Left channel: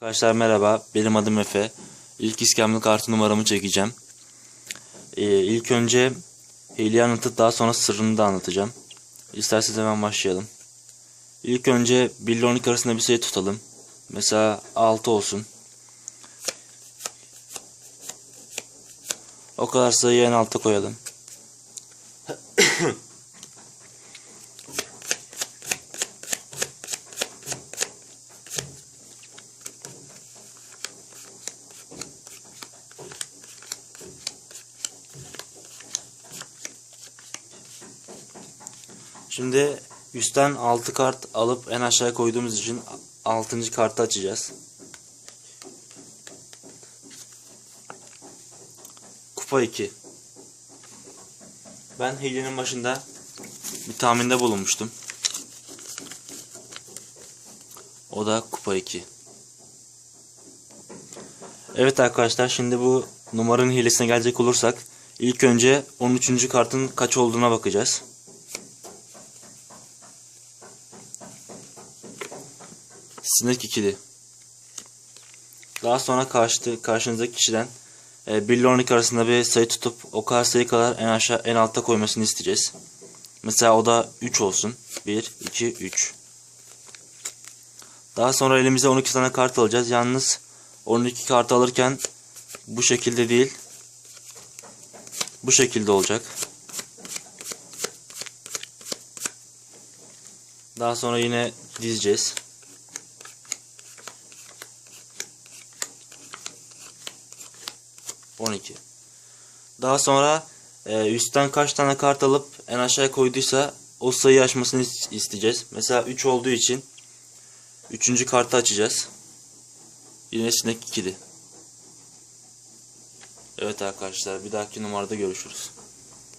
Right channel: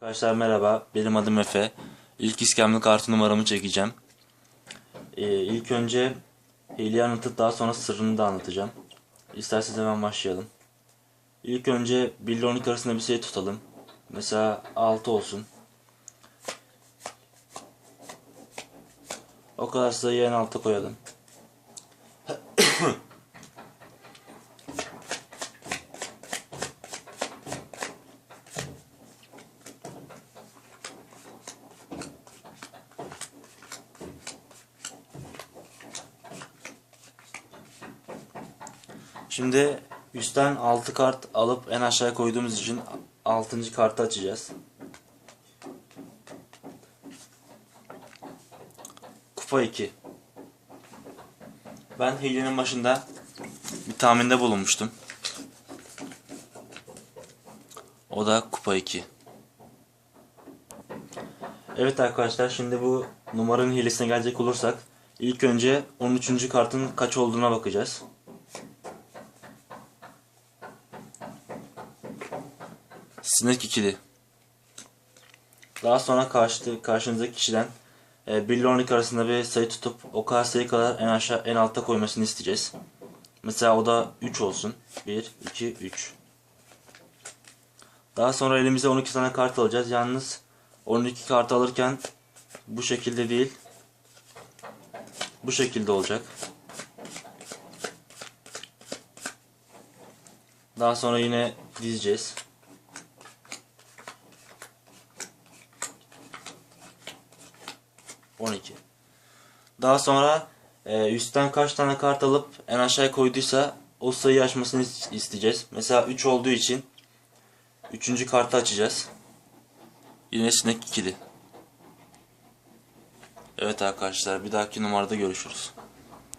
Arkadaşlar merhaba, benim adım Efe. İlk iskemle kartı numaramı çekeceğim. Ee, ilk önce hileyi anlatıp daha sonra sırrını da anlatacağım. İsterseniz hemen başlayalım. İlk önce 1 ile 12 arasında bir sayı tutalım. Mesela 6 olsun. O kadar sayıyı en alta koyalım. Şimdi üstten 6 kart alıp en aşağıya koyduğumuz için 6. kartı açacağız. Kupa 2. Ben hilenin başında bir tahminde bulunmuştum. O da kupa 2. Evet arkadaşlar şimdi bu numaranın hilesine gelecek olursak ilk önce 13. kartın kaç olduğuna bakacağız. Sinek ikili. Daha sonra karşı, karşınızdaki kişiden e, 1 ile 12 arasında bir sayı tutup o kadar sayı kadar en aşağı en altta koymasını isteyeceğiz. Mesela o da 3 olsun. 1, 2, 3. Daha sonra elimize 12 tane kart alacağız. Yalnız 12 kartı alırken bu şekilde değil. Bu şekilde olacak. Daha sonra yine dizeceğiz. On iki. Daha sonra e, üstten kaç tane kart alıp en aşağıya koyduysa o sayıyı açmasını is- isteyeceğiz. Mesela 3 olduğu için 3. kartı açacağız. Yine sinek ikili. Evet arkadaşlar bir dahaki numarada görüşürüz.